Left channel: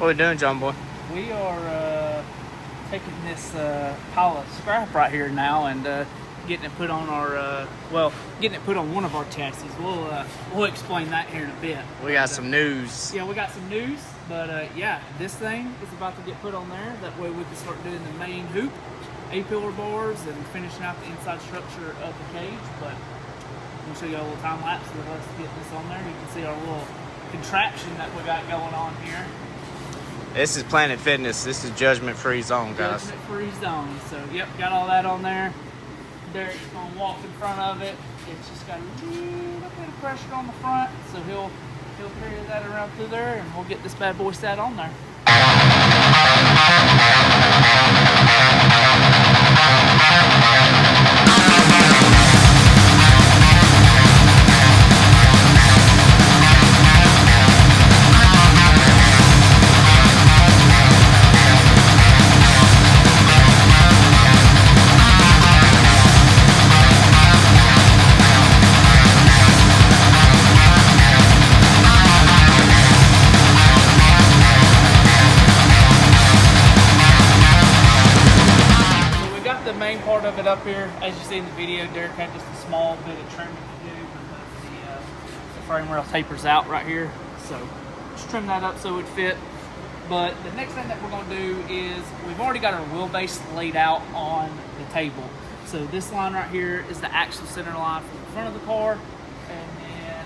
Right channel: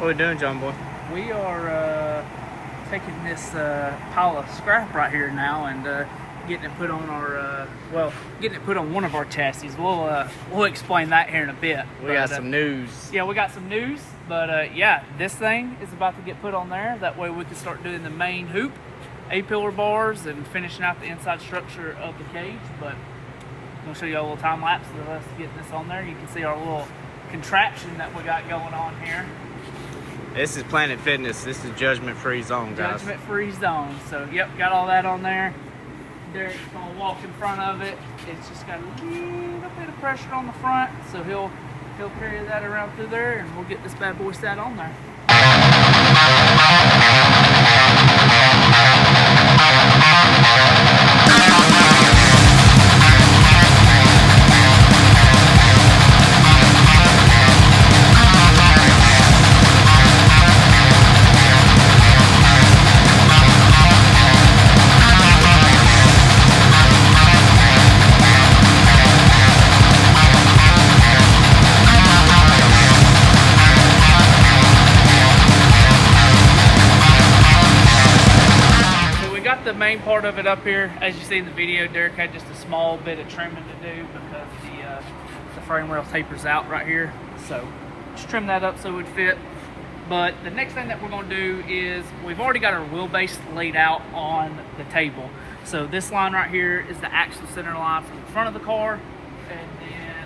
What are we doing, John boy? We are taking this pile of scrap right here now and getting it put on our, getting it put on one of our chassis. We'll explain that here in a bit. We got some news. Yeah, we got some news, but yeah, this thing is about to get put on there. That way we can start doing the main hoop, A-pillar bars, and finishing out the inside structure of the cage. But we'll show you a little time lapse of us getting this on there. You can see our little contraption that we got going on here. This is Planet Fitness. This is judgment-free zone, guys. Judgment-free zone. So, yep, got all that on there. Derek's gonna walk in front of it. It's just got a little bit of pressure on the front, so he'll carry that around through there, and we'll get this bad boy set on there. The main part of it up here, as you see in the video, Derek had just a small bit of trimming to do because the frame rail tapers out right here. So just trim that up so it would fit. But the next thing that we're going to do is we've already got our wheelbase laid out on the table. So this line right here is the axle center line from the front of the car, and then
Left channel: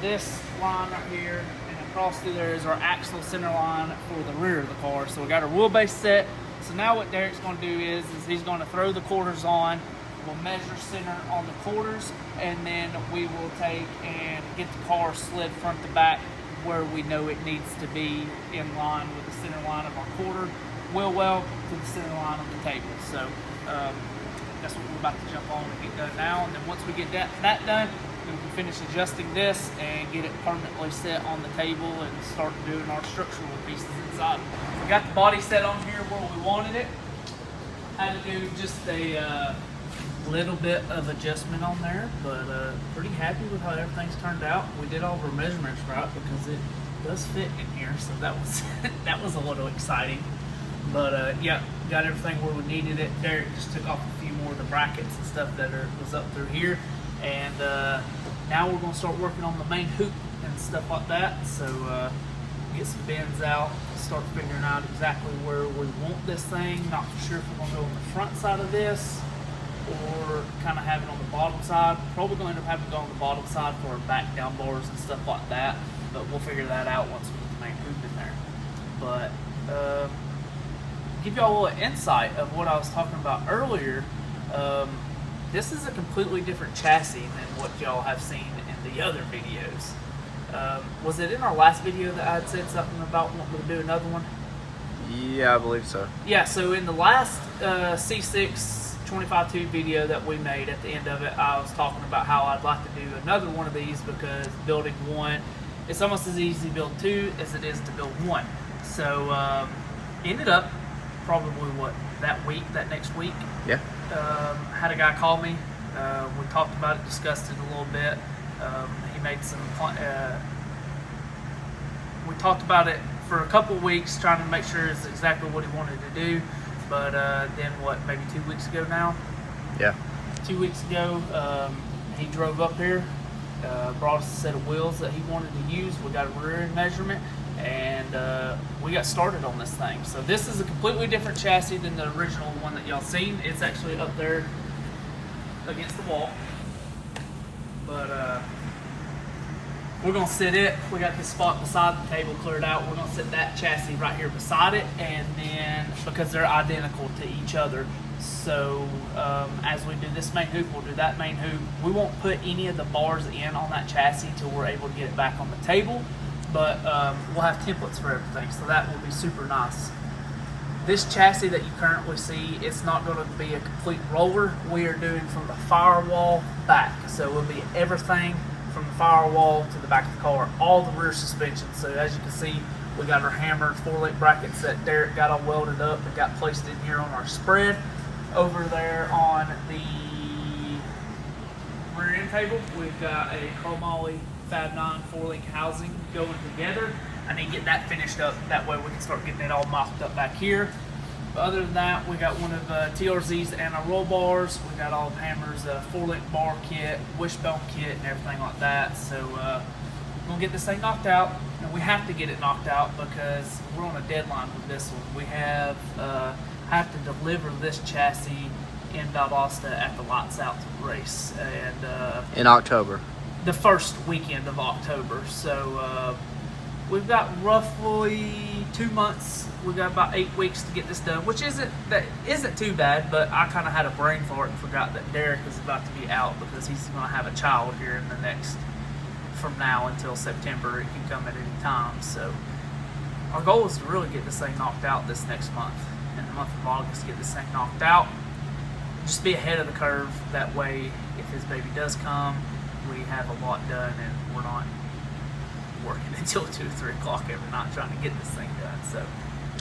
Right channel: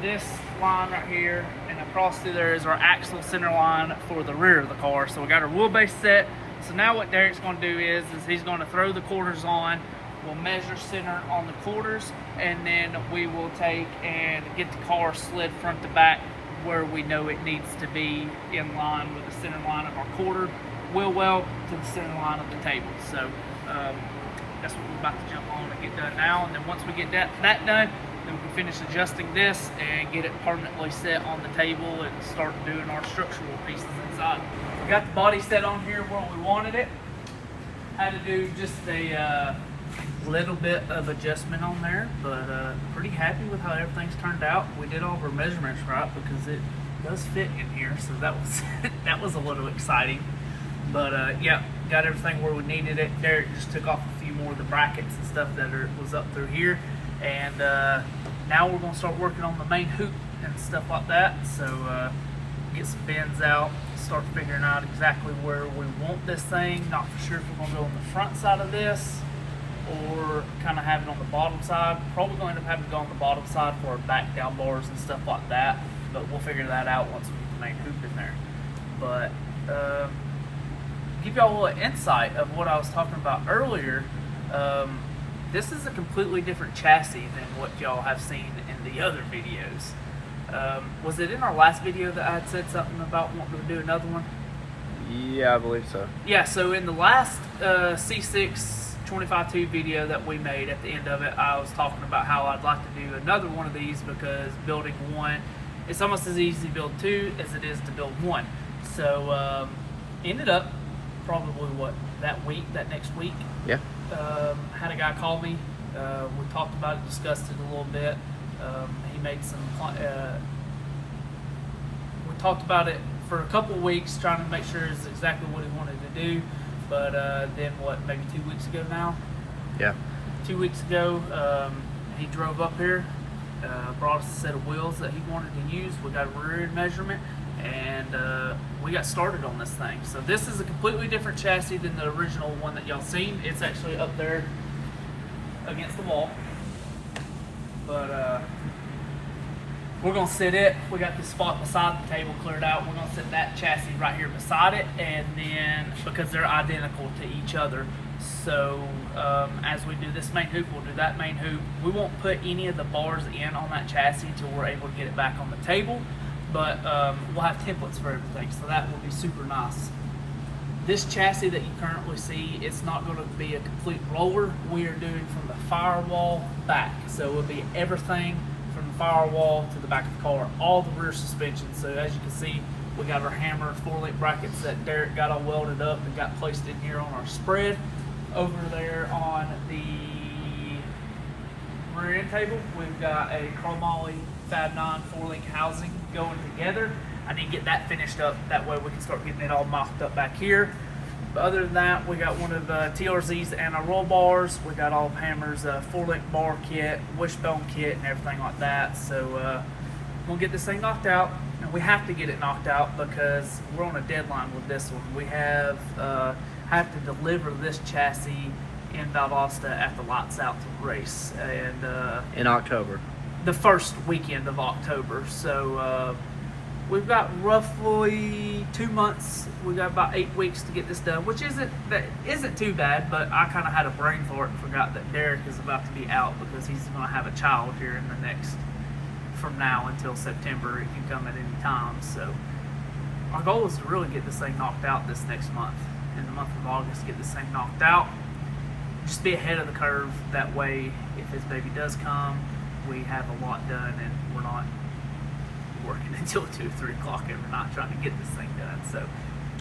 this line right here and across through there is our axle center line for the rear of the car. So we got our wheelbase set. So now what Derek's going to do is he's going to throw the quarters on. We'll measure center on the quarters, and then we will take and get the car slid front to back where we know it needs to be in line with the center line of our quarter wheel well to the center line of the table. So that's what we're about to jump on and get done now. And then once we get that done, then we can finish adjusting this and get it permanently set on the table and start doing our structural pieces inside. We got the body set on here where we wanted it. Had to do just a little bit of adjustment on there, but pretty happy with how everything's turned out. We did all of our measurements right because it does fit in here, so that was that was a little exciting. But yeah, got everything where we needed it. Derek just took off a few more of the brackets and stuff that was up through here, and now we're gonna start working on the main hoop and stuff like that. So get some bends out, start figuring out exactly where we want this thing. Not for sure if we're gonna go on the front side of this or kind of have it on the bottom side. Probably going to end up having to go on the bottom side for our back down bars and stuff like that, but we'll figure that out once we get the main hoop in there. But give y'all a little insight of what I was talking about earlier. This is a completely different chassis than what y'all have seen in the other videos. Was it in our last video that I had said something about wanting to do another one? Yeah, I believe so. Yeah, so in the last C6 25.2 video that we made, at the end of it, I was talking about how I'd like to do another one of these because building one, it's almost as easy to build two as it is to build one. So ended up probably that next week. Yeah. Had a guy call me. We talked about it, discussed it a little bit. He made some. We talked about it for a couple weeks, trying to make sure it's exactly what he wanted to do. But then, maybe 2 weeks ago now? Yeah. 2 weeks ago, he drove up here, brought us a set of wheels that he wanted to use. We got a rear end measurement, and we got started on this thing. So this is a completely different chassis than the original one that y'all seen. It's actually up there against the wall. But we're gonna sit it. We got this spot beside the table cleared out. We're gonna sit that chassis right here beside it, and then because they're identical to each other, so as we do this main hoop, we'll do that main hoop. We won't put any of the bars in on that chassis until we're able to get it back on the table, but we'll have templates for everything, so that will be super nice. This chassis that you currently see, it's not going to be a complete roller. We are doing from the firewall back, so it will be everything from the firewall to the back of the car, all the rear suspension. So as you can see, we got our hammer 4-link brackets that Derek got all welded up and got placed in here on our spread. Over there on the rear end table, we've got a chromoly Fab 9 4-link housing going together. I need to get that finished up. That way we can start getting it all mocked up back here. But other than that, we got one of the TRZ's and our roll bars. We got all of Hammer's 4-link bar kit, wishbone kit, and everything like that. So we'll get this thing knocked out. And we have to get it knocked out because we're on a deadline with this one. We have to deliver this chassis in Valdosta at the Lights Out race, and In October. the first weekend of October. So we've got roughly 2 months. We've got about 8 weeks to get this done, which isn't too bad. But I kind of had a brain fart and forgot that Derek is about to be out because he's going to have a child here in the next, from now until September. It can come at any time. So our goal is to really get this thing knocked out this next month. In the month of August, get this thing knocked out. Just be ahead of the curve. That way, if his baby does come, we have a lot done and we're not working until 2 or 3 o'clock every night trying to get this thing done. So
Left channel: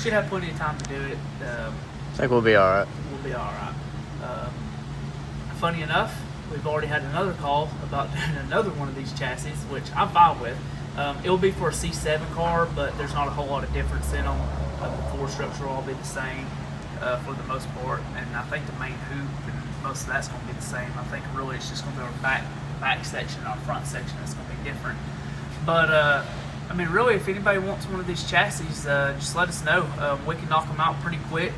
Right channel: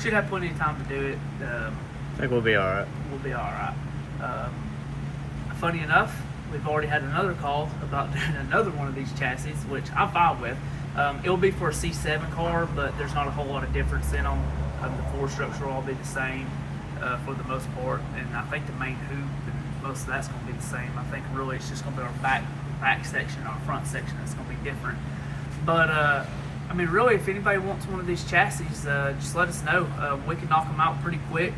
should have plenty of time to do it. I think we'll be all right. We'll be all right. Funny enough, we've already had another call about doing another one of these chassis, which I'm fine with. It'll be for a C7 car, but there's not a whole lot of difference in them. The floor structure will all be the same for the most part, and I think the main hoop and most of that's going to be the same. I think really it's just going to be our back section, our front section that's going to be different. But I mean, really, if anybody wants one of these chassis, just let us know. We can knock them out pretty quick.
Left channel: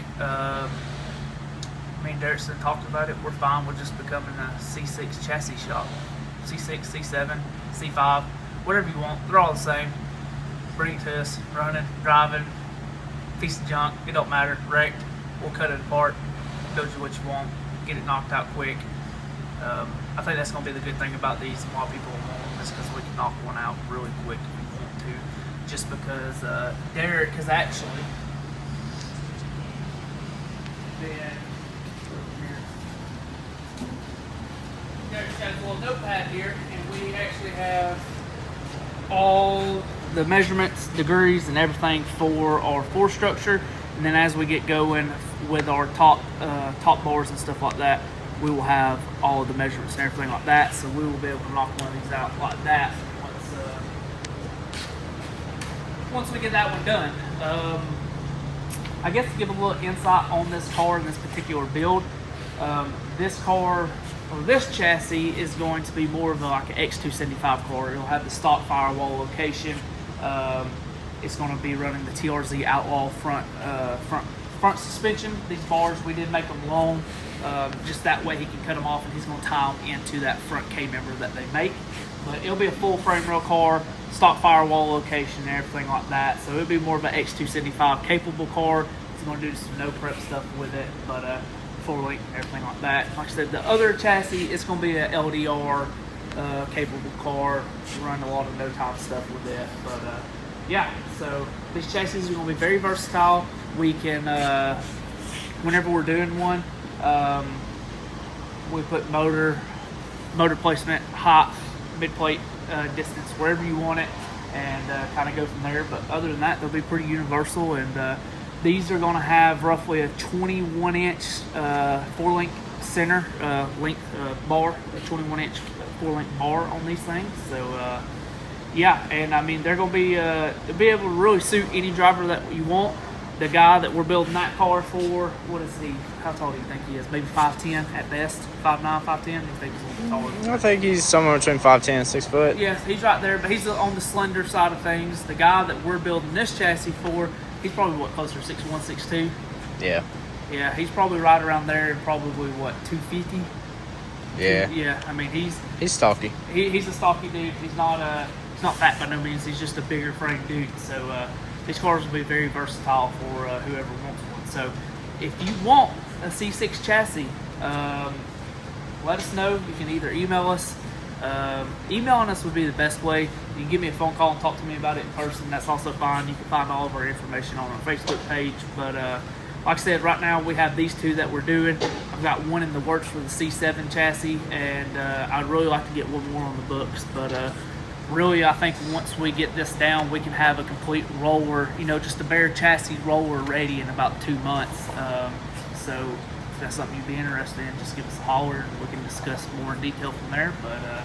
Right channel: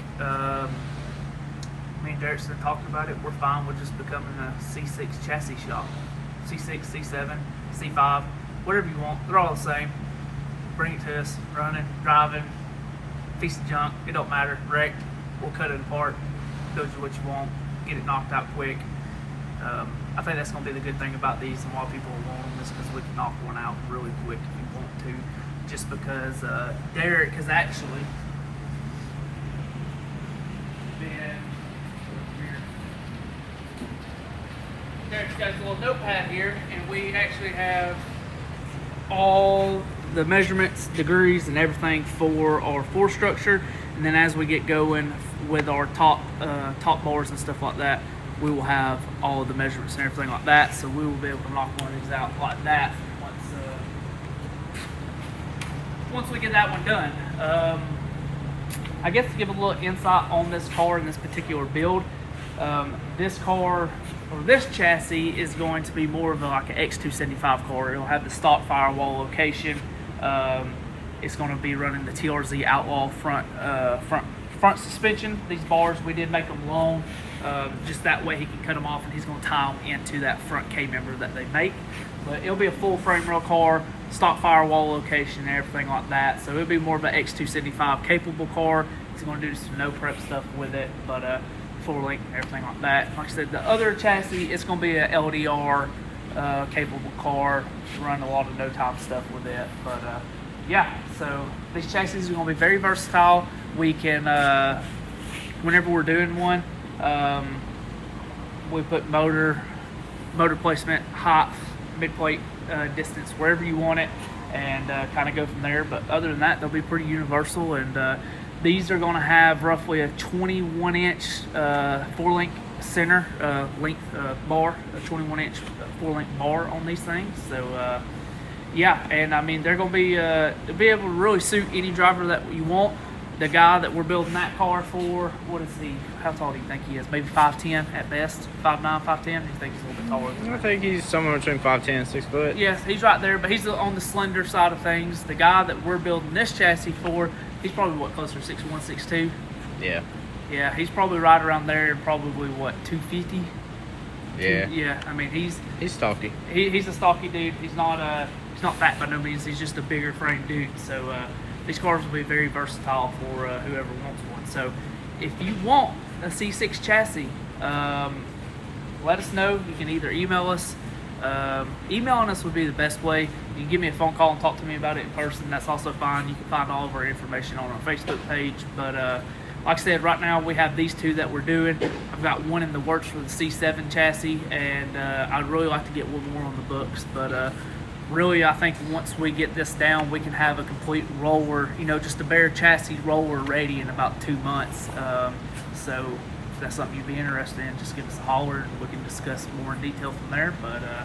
Me and Derek talked about it. We're fine with just becoming a C6 chassis shop. C6, C7, C5, whatever you want. They're all the same. Bring it to us, running, driving, piece of junk, it don't matter, wrecked, we'll cut it apart, build you what you want, get it knocked out quick. I think that's going to be the good thing about these, and a lot of people want them, is because we can knock one out really quick if you want to, just because Derek has actually Derek's got a little notepad here, and we actually have all the measurements, degrees, and everything for our floor structure. And then as we get going with our top bars and stuff like that, we will have all of the measurements and everything like that. So we will be able to knock one of these out like that once we get that one done. I guess to give a little insight on this car and this particular build, this car, or this chassis, is going to be more of like an X275 car. It'll have the stock firewall location. It's going to be running the TRZ Outlaw front suspension. These bars, we did make them long, just that way he can cut them off, and he's going to tie them into that front K-member that they make. But it'll be a full frame rail car, stock firewall location, and everything like that. So it'll be more of an X275 capable car. He's going to do some no prep stuff with it, but 4-link and everything like that. Like I said, the other chassis, it's going to be an LDR capable car, run a lot of no-time stuff with it. But yeah, so these chassis are going to be very versatile. We can, whenever we're doing one, we put motor placement, height, mid-plate distance, wherever you want it, and kind of go from there. But other than that, they'll be pretty universal, and these are going to have roughly a 21-inch 4-link center length bar, a 21-inch 4-link bar on these things. So yeah, and I mean, they're going to be able to really suit any driver that you want. The guy that we're building that car for, what is he? How tall do you think he is? Maybe 5'10" at best, 5'9", 5'10". Do you think he's a little bit taller than that? I think he's somewhere between 5'10" and 6 foot. Yeah, he's right there, but he's on the slender side of things. The guy that we're building this chassis for, he's probably what, closer to 6'1", 6'2". Yeah. Yeah, he's probably right around there, probably what, 250. Yeah. Yeah, I mean he's stocky. He's a stocky dude. He's not fat by no means. He's just a bigger frame dude. So these cars will be very versatile for whoever wants one. So if you want a C6 chassis, let us know. You can either email us. Emailing us would be the best way. You can give me a phone call and talk to me about it in person. That's also fine. You can find all of our information on our Facebook page. But like I said, right now we have these two that we're doing. I've got one in the works for the C7 chassis, and I'd really like to get one more on the books. But really, I think once we get this down, we can have a complete roller, just a bare chassis roller ready in about 2 months. So if that's something you'd be interested in, just give us a holler and we can discuss more in detail from there. But I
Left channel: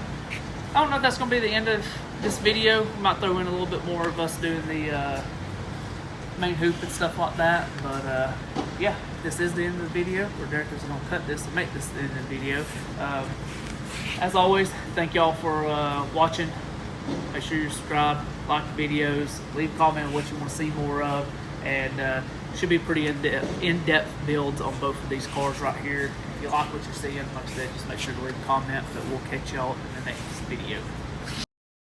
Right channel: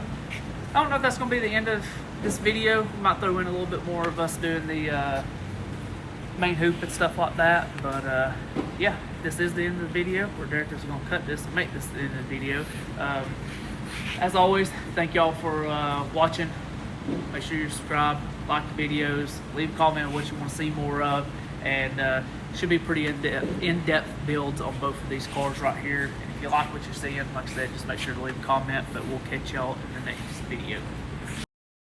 don't know if that's going to be the end of this video. We might throw in a little bit more of us doing the main hoop and stuff like that. But yeah, this is the end of the video. Or Derek is going to cut this and make this the end of the video. As always, thank y'all for watching. Make sure you subscribe, like the videos, leave a comment on what you want to see more of, and should be pretty in-depth builds on both of these cars right here. And if you like what you're seeing, like I said, just make sure to leave a comment, but we'll catch y'all in the next video.